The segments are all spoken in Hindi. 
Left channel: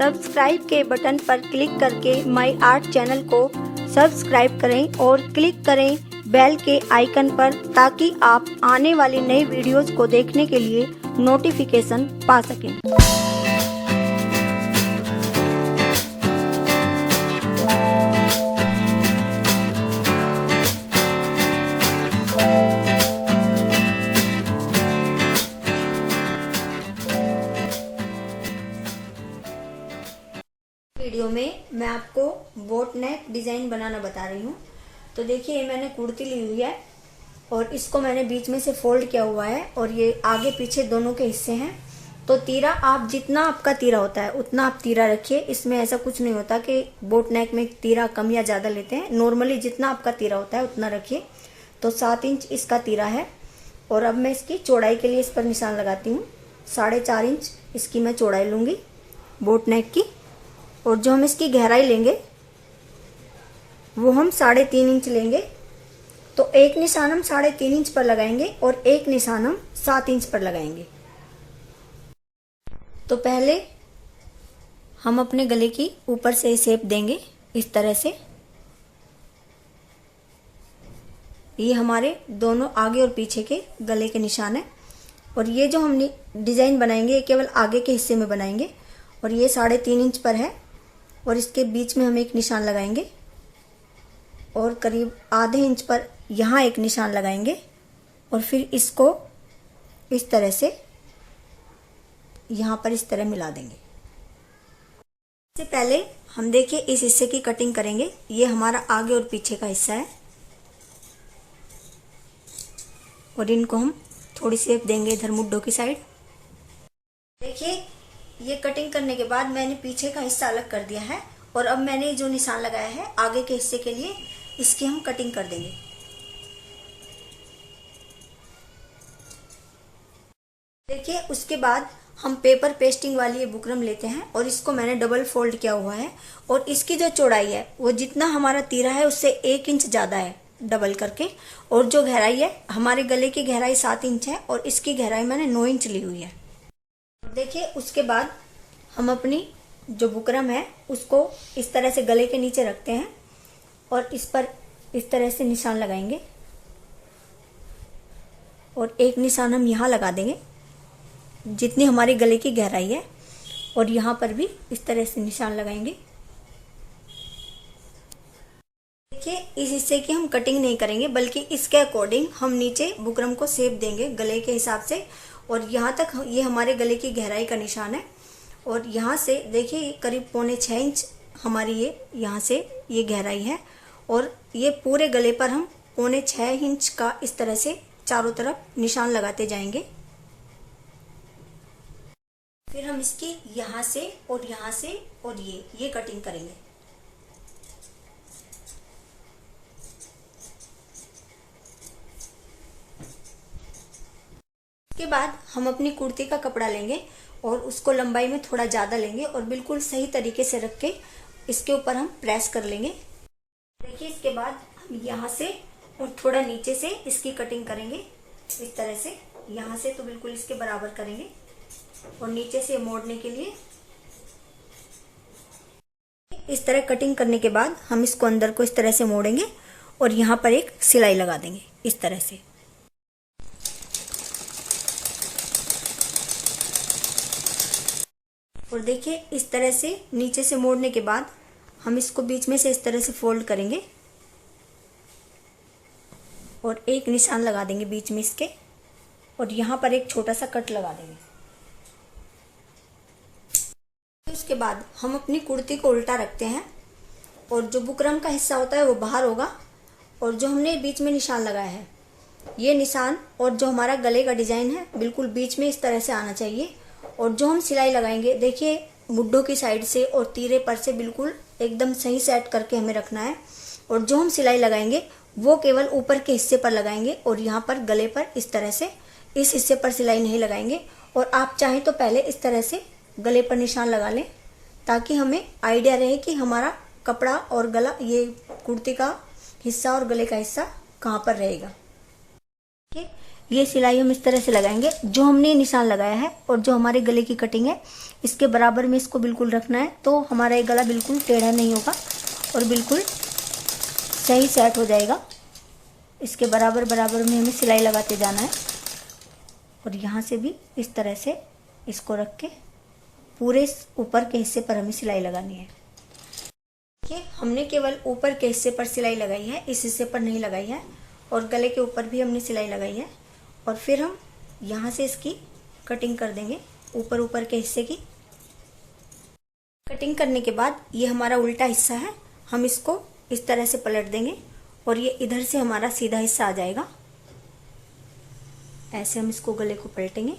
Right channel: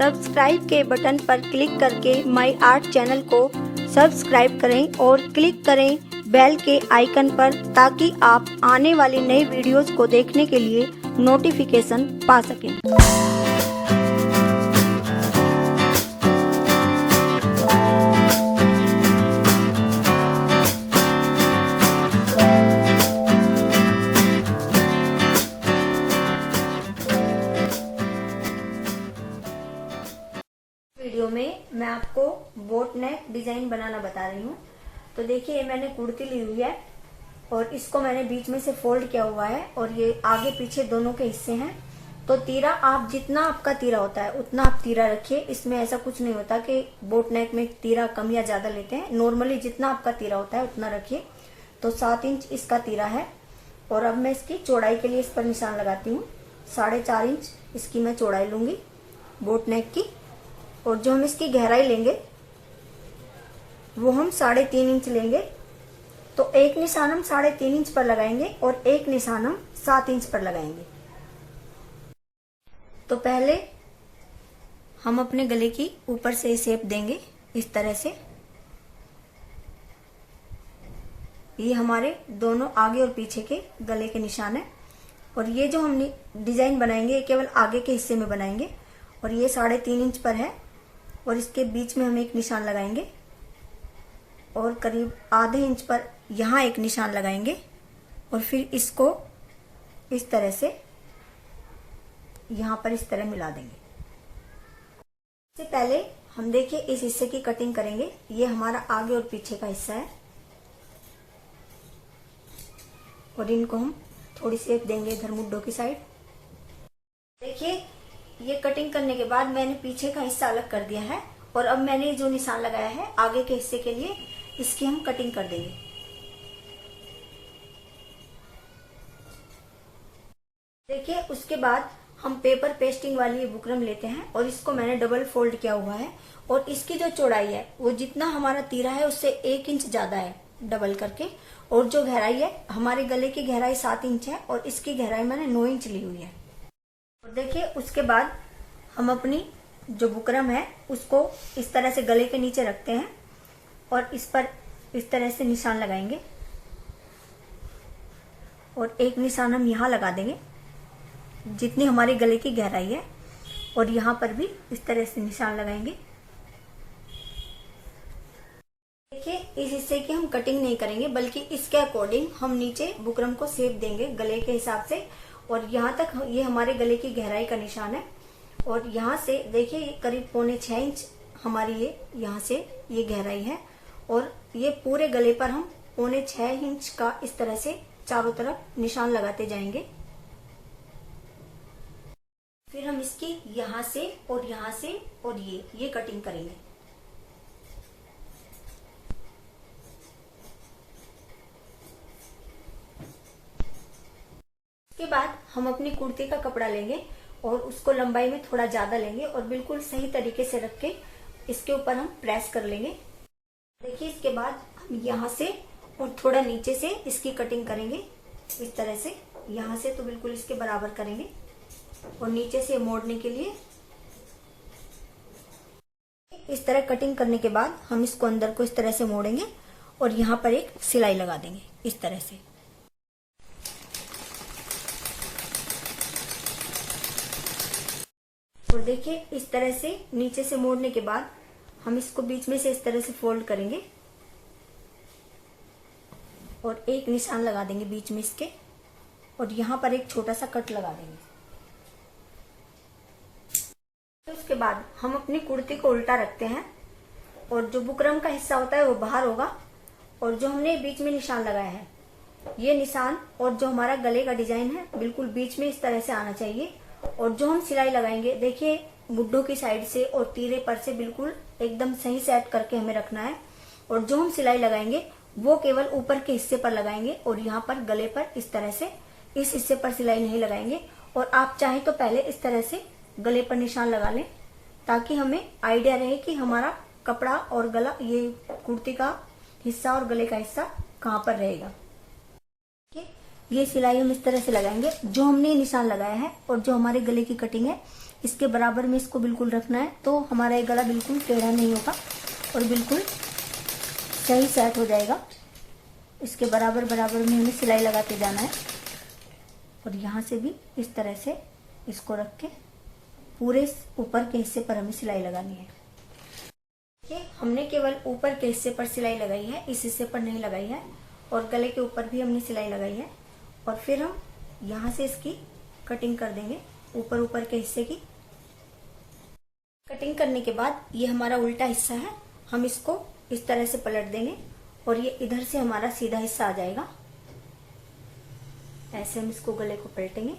सब्सक्राइब के बटन पर क्लिक करके माई आर्ट चैनल को सब्सक्राइब करें और क्लिक करें बेल के आइकन पर, ताकि आप आने वाली नई वीडियोस को देखने के लिए नोटिफिकेशन पा सकें। वीडियो में मैं आपको बोट नेक डिजाइन बनाना बता रही हूँ। तो देखिए, ये मैंने कुर्ती ली हुई है और इसको मैंने बीच में से फोल्ड किया हुआ है और ये आगे पीछे दोनों के हिस्से हैं। तो तीरा आप जितना आपका तीरा होता है उतना आप तीरा रखिए। इसमें ऐसा कुछ नहीं होता कि बोट नेक में तीरा कम या ज्यादा लेते हैं। नॉर्मली जितना आपका तीरा होता है उतना रखिए। तो 7 इंच इसका तीरा है और अब मैं इसकी चौड़ाई के लिए इस पर निशान लगाती हूँ। 4.5 इंच इसकी मैं चौड़ाई लूंगी बोट नेक की। और जो हम इसकी गहराई लेंगे वो हम 3.5 इंच लेंगे। तो एक निशान हम 3.5 इंच पर लगाएंगे और एक निशान हम 7 इंच पर लगाएंगे। तो पहले हम अपने गले की ऊपर से शेप देंगे इस तरह से। ये हमारे दोनों आगे और पीछे के गले के निशान है। और ये जो हम डिजाइन बनाएंगे ये केवल आगे के हिस्से में बनाएंगे। और ये 3.5 इंच पर है और इसके बीच में हम एक निशान लगाएंगे और करीब आधे इंच पर यहाँ एक निशान लगाएंगे और फिर इसको इस तरह से यहाँ पर इस तरह मिला देंगे। इससे पहले हम देखिए इस हिस्से की कटिंग करेंगे। ये हमारा आगे और पीछे का हिस्सा है और इनको हम थोड़ी शेप देंगे इधर मुड्ढों की साइड। देखिए, ये कटिंग करने के बाद मैंने पीछे का हिस्सा अलग कर दिया है और अब मैंने जो निशान लगाया है आगे के हिस्से के लिए, इसकी हम कटिंग कर देंगे। देखिए, उसके बाद हम पेपर पेस्टिंग वाली ये बुकरम लेते हैं और इसको मैंने डबल फोल्ड किया हुआ है। और इसकी जो चौड़ाई है वो जितना हमारा तीरा है उससे 1 इंच ज्यादा है डबल करके। और जो गहराई है, हमारे गले की गहराई 7 इंच है और इसकी गहराई मैंने 9 इंच ली हुई है। देखिए, उसके बाद हम अपनी जो बुकरम है उसको इस तरह से गले के नीचे रखते हैं और इस पर इस तरह से निशान लगाएंगे और एक निशान हम यहाँ लगा देंगे जितनी हमारे गले की गहराई है। और यहाँ पर भी इस तरह से निशान लगाएंगे। देखिए, इस हिस्से की हम कटिंग नहीं करेंगे, बल्कि इसके अकॉर्डिंग हम नीचे बुकरम को शेप देंगे गले के हिसाब से। और यहाँ तक ये हमारे गले की गहराई का निशान है। और यहाँ से देखिए करीब 5.25 इंच हमारी ये यहाँ से ये गहराई है। और ये पूरे गले पर हम 5.25 इंच का इस तरह से चारों तरफ निशान लगाते जाएंगे। फिर हम इसकी यहाँ से और यहाँ से और ये कटिंग करेंगे। उसके बाद हम अपनी कुर्ती का कपड़ा लेंगे और उसको लंबाई में थोड़ा ज्यादा लेंगे और बिल्कुल सही तरीके से रख के इसके ऊपर हम प्रेस कर लेंगे। देखिए, इसके बाद हम यहाँ से और थोड़ा नीचे से इसकी कटिंग करेंगे इस तरह से। यहाँ से तो बिल्कुल इसके बराबर करेंगे और नीचे से मोड़ने के लिए इस तरह कटिंग करने के बाद हम इसको अंदर को इस तरह से मोड़ेंगे और यहाँ पर एक सिलाई लगा देंगे इस तरह से। और देखिए, इस तरह से नीचे से मोड़ने के बाद हम इसको बीच में से इस तरह से फोल्ड करेंगे और एक निशान लगा देंगे बीच में इसके और यहाँ पर एक छोटा सा कट लगा देंगे। उसके बाद हम अपनी कुर्ती को उल्टा रखते हैं और जो बुकरम का हिस्सा होता है वो बाहर होगा और जो हमने बीच में निशान लगाया है ये निशान और जो हमारा गले का डिजाइन है बिल्कुल बीच में इस तरह से आना चाहिए। और जो हम सिलाई लगाएंगे, देखिए मुड्ढों की साइड से और तीरे पर से बिल्कुल एकदम सही सेट करके हमें रखना है। और जो हम सिलाई लगाएंगे वो केवल ऊपर के हिस्से पर लगाएंगे और यहाँ पर गले पर इस तरह से इस हिस्से पर सिलाई नहीं लगाएंगे। और आप चाहें तो पहले इस तरह से गले पर निशान लगा लें, ताकि हमें आइडिया रहे कि हमारा कपड़ा और गला, ये कुर्ती का हिस्सा और गले का हिस्सा कहाँ पर रहेगा। ये सिलाई हम इस तरह से लगाएंगे। जो हमने निशान लगाया है और जो हमारे गले की कटिंग है इसके बराबर में इसको बिल्कुल रखना है, तो हमारा ये गला बिल्कुल टेढ़ा नहीं होगा और बिल्कुल सही सेट हो जाएगा। इसके बराबर बराबर में हमें सिलाई लगाते जाना है और यहाँ से भी इस तरह से इसको रख के पूरे ऊपर के हिस्से पर हमें सिलाई लगानी है। देखिए हमने केवल ऊपर के हिस्से पर सिलाई लगाई है, इस हिस्से पर नहीं लगाई है, और गले के ऊपर भी हमने सिलाई लगाई है। और फिर हम यहाँ से इसकी कटिंग कर देंगे, ऊपर ऊपर के हिस्से की कटिंग करने के बाद ये हमारा उल्टा हिस्सा है, हम इसको इस तरह से पलट देंगे और ये इधर से हमारा सीधा हिस्सा आ जाएगा। ऐसे हम इसको गले को पलटेंगे। इस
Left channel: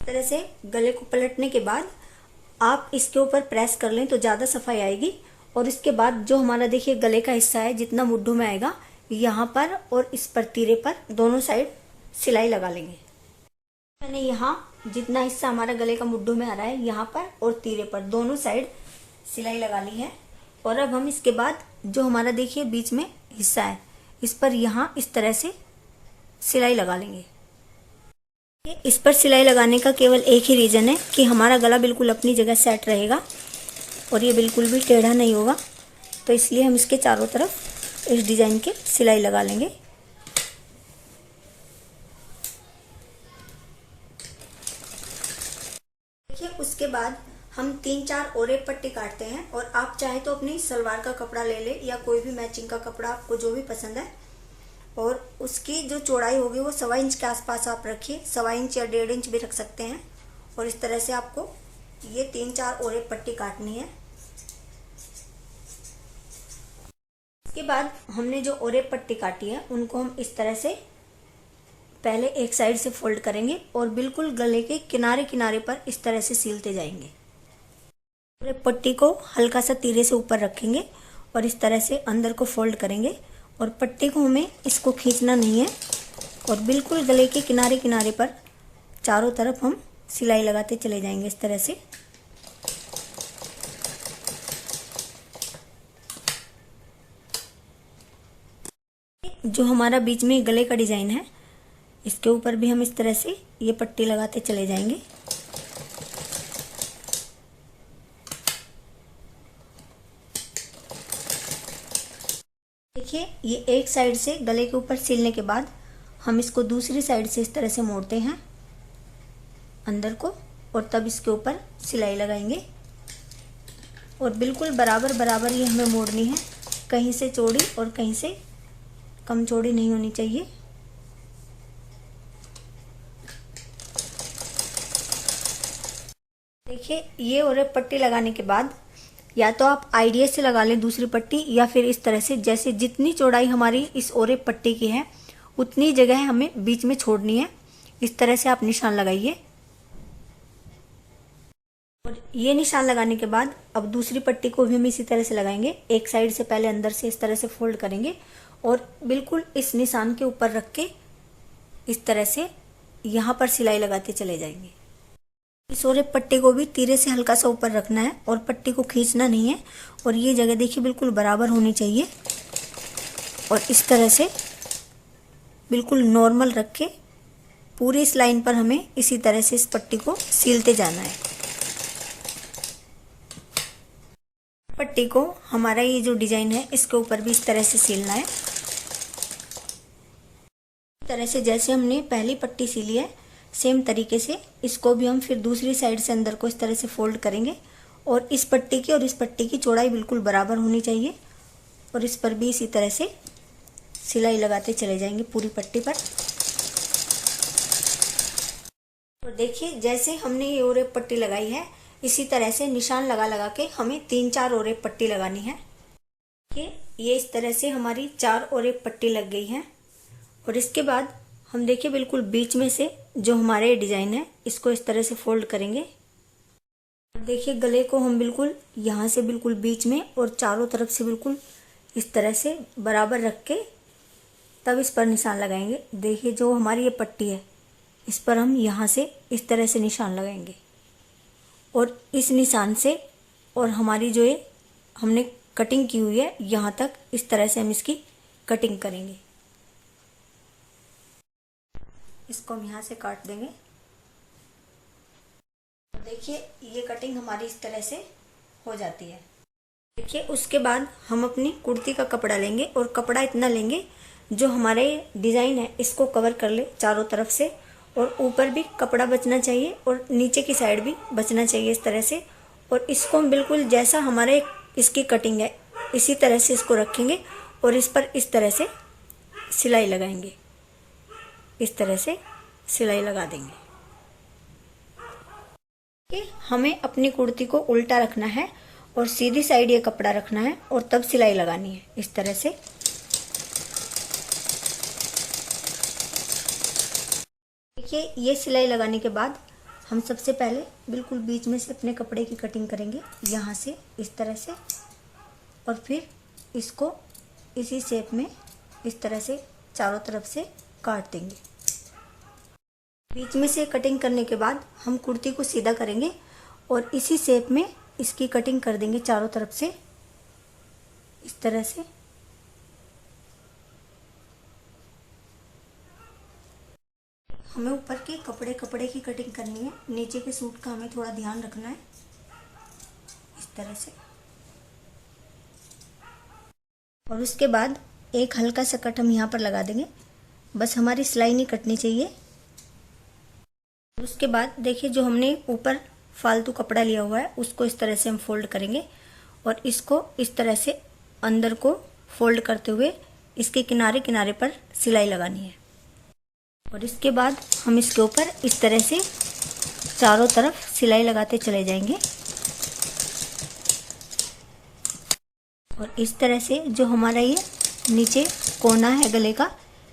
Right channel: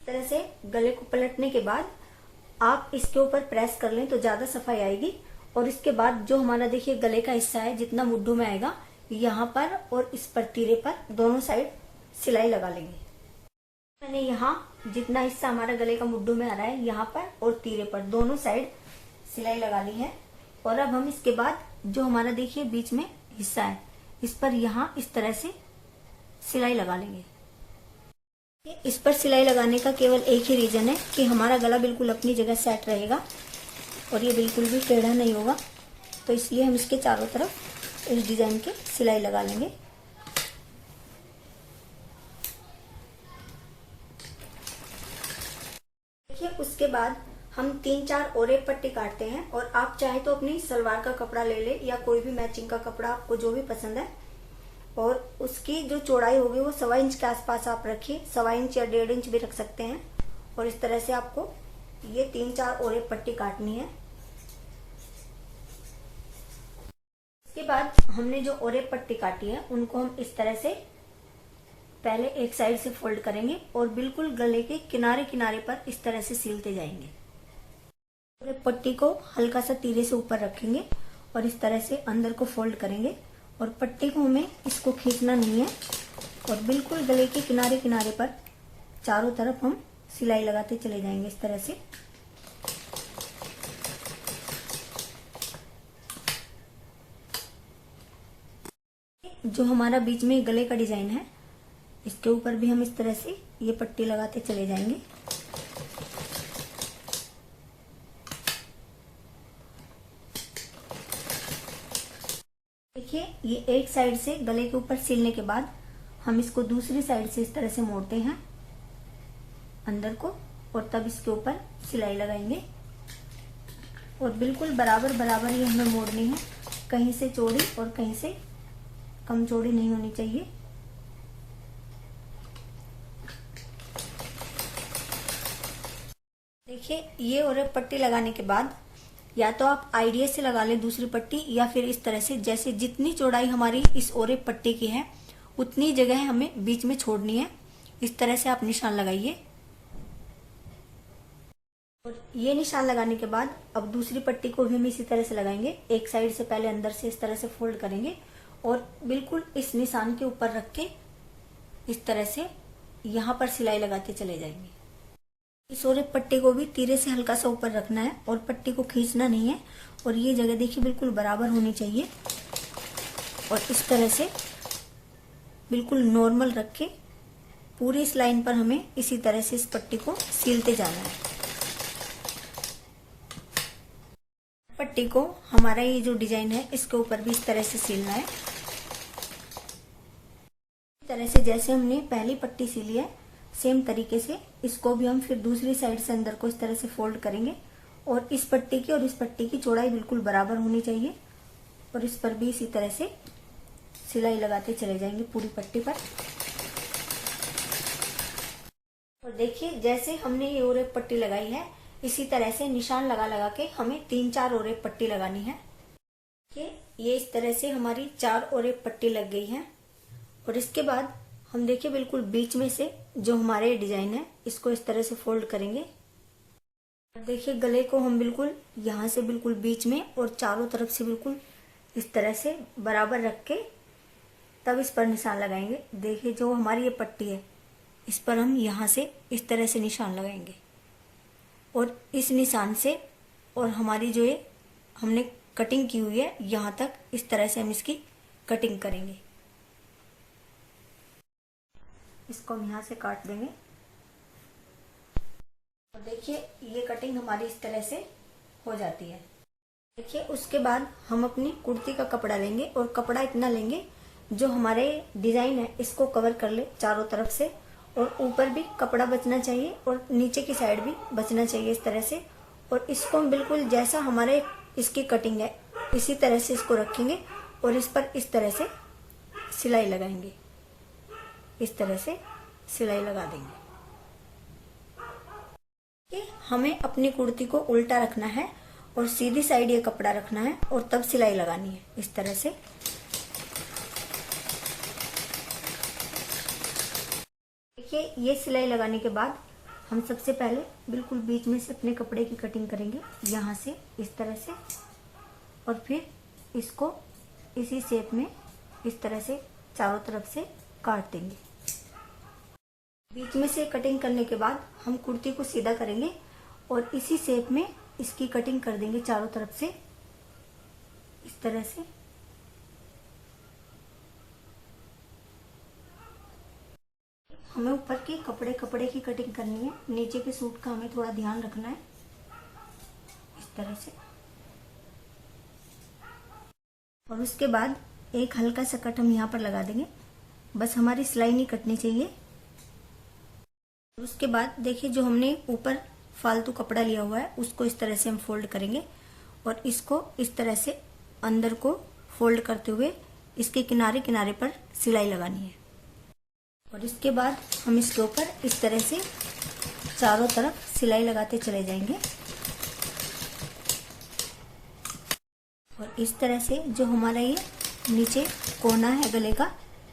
तरह से गले को पलटने के बाद आप इसके ऊपर प्रेस कर लें तो ज्यादा सफाई आएगी। और इसके बाद जो हमारा देखिए गले का हिस्सा है, जितना मुड्ढों में आएगा, यहाँ पर और इस पर तीरे पर दोनों साइड सिलाई लगा लेंगे। मैंने यहाँ जितना हिस्सा हमारा गले का मुड्ढों में आ रहा है, यहाँ पर और तीरे पर दोनों साइड सिलाई लगा ली है। और अब हम इसके बाद जो हमारा देखिए बीच में हिस्सा है, इस पर यहाँ इस तरह से सिलाई लगा लेंगे। इस पर सिलाई लगाने का केवल एक ही रीजन है कि हमारा गला बिल्कुल अपनी जगह सेट रहेगा और ये बिल्कुल भी टेढ़ा नहीं होगा, तो इसलिए हम इसके चारों तरफ इस डिजाइन के सिलाई लगा लेंगे। देखिए उसके बाद हम 3-4 और एक पट्टी काटते हैं, और आप चाहे तो अपनी सलवार का कपड़ा ले ले या कोई भी मैचिंग का कपड़ा आपको जो भी पसंद है, और उसकी जो चौड़ाई होगी वो 1.25 इंच के आसपास आप रखिए, 1.25 इंच या 1.5 इंच भी रख सकते हैं। और इस तरह से आपको ये 3-4 और एक पट्टी काटनी है। इसके बाद हमने जो और एक पट्टी काटी है उनको हम इस तरह से पहले एक साइड से फोल्ड करेंगे और बिल्कुल गले के किनारे किनारे पर इस तरह से सीलते जाएंगे। और एक पट्टी को हल्का सा तीरे से ऊपर रखेंगे और इस तरह से अंदर को फोल्ड करेंगे, और पट्टी को हमें इसको खींचना नहीं है, और बिल्कुल गले के किनारे किनारे पर चारों तरफ हम सिलाई लगाते चले जाएंगे इस तरह से। जो हमारा बीच में गले का डिजाइन है, इसके ऊपर भी हम इस तरह से ये पट्टी लगाते चले जाएंगे। देखिए ये एक साइड से गले के ऊपर सिलने के बाद हम इसको दूसरी साइड से इस तरह से मोड़ते हैं अंदर को, और तब इसके ऊपर सिलाई लगाएंगे। और बिल्कुल बराबर बराबर ये हमें मोड़नी है, कहीं से चौड़ी और कहीं से कम चौड़ी नहीं होनी चाहिए। देखिए ये और एक पट्टी लगाने के बाद या तो आप आइडिया से लगा लें दूसरी पट्टी, या फिर इस तरह से जैसे जितनी चौड़ाई हमारी इस और एक पट्टी की है उतनी जगह हमें बीच में छोड़नी है। इस तरह से आप निशान लगाइए। और ये निशान लगाने के बाद अब दूसरी पट्टी को भी हम इसी तरह से लगाएंगे। एक साइड से पहले अंदर से इस तरह से फोल्ड करेंगे और बिल्कुल इस निशान के ऊपर रख के इस तरह से यहाँ पर सिलाई लगाते चले जाएंगे। इस और एक पट्टी को भी तीरे से हल्का सा ऊपर रखना है और पट्टी को खींचना नहीं है, और ये जगह देखिए बिल्कुल बराबर होनी चाहिए। और इस तरह से बिल्कुल नॉर्मल रख के पूरी इस लाइन पर हमें इसी तरह से इस पट्टी को सीलते जाना है। पट्टी को हमारा ये जो डिजाइन है इसके ऊपर भी इस तरह से सीलना है। इस तरह से जैसे हमने पहली पट्टी सीली है सेम तरीके से इसको भी हम फिर दूसरी साइड से अंदर को इस तरह से फोल्ड करेंगे, और इस पट्टी की और इस पट्टी की चौड़ाई बिल्कुल बराबर होनी चाहिए, और इस पर भी इसी तरह से सिलाई लगाते चले जाएंगे पूरी पट्टी पर। और देखिए जैसे हमने ये और एक पट्टी लगाई है इसी तरह से निशान लगा लगा के हमें 3-4 और एक पट्टी लगानी है। ये इस तरह से हमारी 4 और एक पट्टी लग गई है। और इसके बाद हम देखिए बिल्कुल बीच में से जो हमारे डिजाइन है इसको इस तरह से फोल्ड करेंगे। देखिए गले को हम बिल्कुल यहाँ से बिल्कुल बीच में और चारों तरफ से बिल्कुल इस तरह से बराबर रख के तब इस पर निशान लगाएंगे। देखिए जो हमारी ये पट्टी है इस पर हम यहाँ से इस तरह से निशान लगाएंगे, और इस निशान से और हमारी जो ये हमने कटिंग की हुई है यहाँ तक इस तरह से हम इसकी कटिंग करेंगे। इसको हम यहाँ से काट देंगे। देखिए ये कटिंग हमारी इस तरह से हो जाती है। देखिए उसके बाद हम अपनी कुर्ती का कपड़ा लेंगे और कपड़ा इतना लेंगे जो हमारे डिजाइन है इसको कवर कर ले चारों तरफ से, और ऊपर भी कपड़ा बचना चाहिए और नीचे की साइड भी बचना चाहिए इस तरह से। और इसको हम बिल्कुल जैसा हमारे इसकी कटिंग है इसी तरह से इसको रखेंगे और इस पर इस तरह से सिलाई लगाएंगे, इस तरह से सिलाई लगा देंगे। हमें अपनी कुर्ती को उल्टा रखना है और सीधी साइड ये कपड़ा रखना है और तब सिलाई लगानी है इस तरह से। देखिए ये सिलाई लगाने के बाद हम सबसे पहले बिल्कुल बीच में से अपने कपड़े की कटिंग करेंगे, यहाँ से इस तरह से, और फिर इसको इसी शेप में इस तरह से चारों तरफ से काट देंगे। बीच में से कटिंग करने के बाद हम कुर्ती को सीधा करेंगे और इसी शेप में इसकी कटिंग कर देंगे चारों तरफ से इस तरह से। हमें ऊपर के कपड़े की कटिंग करनी है, नीचे के सूट का हमें थोड़ा ध्यान रखना है इस तरह से। और उसके बाद एक हल्का सा कट हम यहाँ पर लगा देंगे, बस हमारी सिलाई नहीं कटनी चाहिए। उसके बाद देखिए जो हमने ऊपर फालतू कपड़ा लिया हुआ है उसको इस तरह से हम फोल्ड करेंगे और इसको इस तरह से अंदर को फोल्ड करते हुए इसके किनारे किनारे पर सिलाई लगानी है। और इसके बाद हम इसके ऊपर इस तरह से चारों तरफ सिलाई लगाते चले जाएंगे। और इस तरह से जो हमारा ये नीचे कोना है गले का,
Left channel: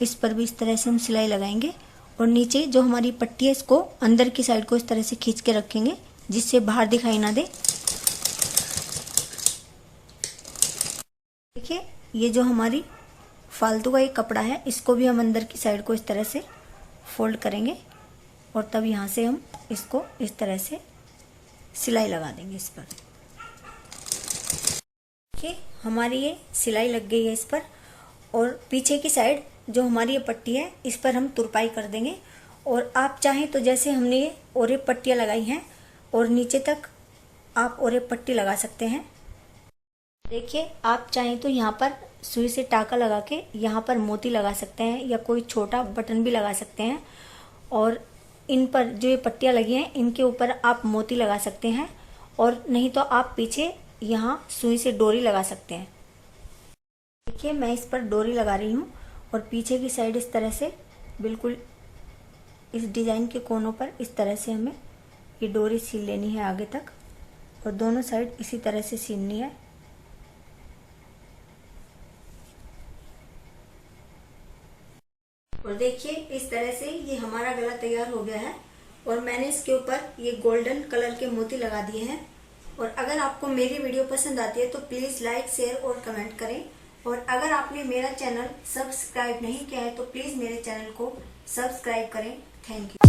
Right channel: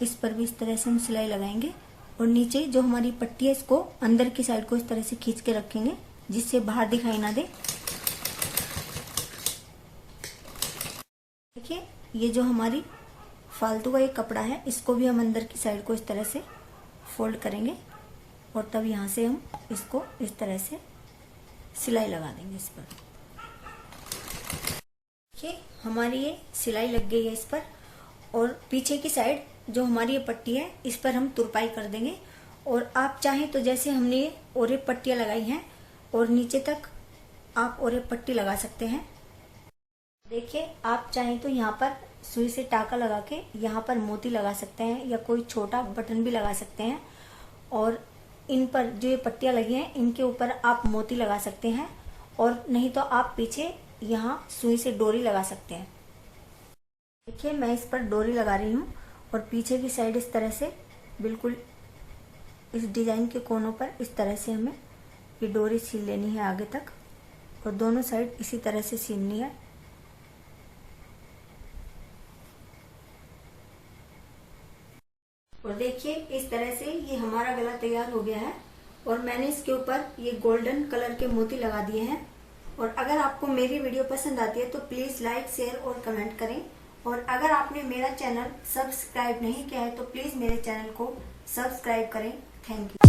इस पर भी इस तरह से हम सिलाई लगाएंगे और नीचे जो हमारी पट्टी है इसको अंदर की साइड को इस तरह से खींच के रखेंगे जिससे बाहर दिखाई ना दे। देखिए ये जो हमारी फालतू का एक कपड़ा है इसको भी हम अंदर की साइड को इस तरह से फोल्ड करेंगे और तब यहाँ से हम इसको इस तरह से सिलाई लगा देंगे इस पर। देखिए हमारी ये सिलाई लग गई है इस पर, और पीछे की साइड जो हमारी ये पट्टी है इस पर हम तुरपाई कर देंगे। और आप चाहें तो जैसे हमने ये ओरे पट्टियां लगाई हैं और नीचे तक आप ओरे पट्टी लगा सकते हैं। देखिए आप चाहें तो यहाँ पर सुई से टाका लगा के यहाँ पर मोती लगा सकते हैं या कोई छोटा बटन भी लगा सकते हैं। और इन पर जो ये पट्टियां लगी हैं इनके ऊपर आप मोती लगा सकते हैं, और नहीं तो आप पीछे यहाँ सुई से डोरी लगा सकते हैं। देखिए मैं इस पर डोरी लगा रही हूँ और पीछे की साइड इस तरह से बिल्कुल इस डिजाइन के कोनों पर इस तरह से हमें ये डोरी सील लेनी है आगे तक, और दोनों साइड इसी तरह से सीलनी है। और देखिए इस तरह से ये हमारा गला तैयार हो गया है और मैंने इसके ऊपर ये गोल्डन कलर के मोती लगा दिए हैं। और अगर आपको मेरी वीडियो पसंद आती है तो प्लीज लाइक, शेयर और कमेंट करें। और अगर आपने मेरा चैनल सब्सक्राइब नहीं किया है तो प्लीज मेरे चैनल को सब्सक्राइब करें। Thank you.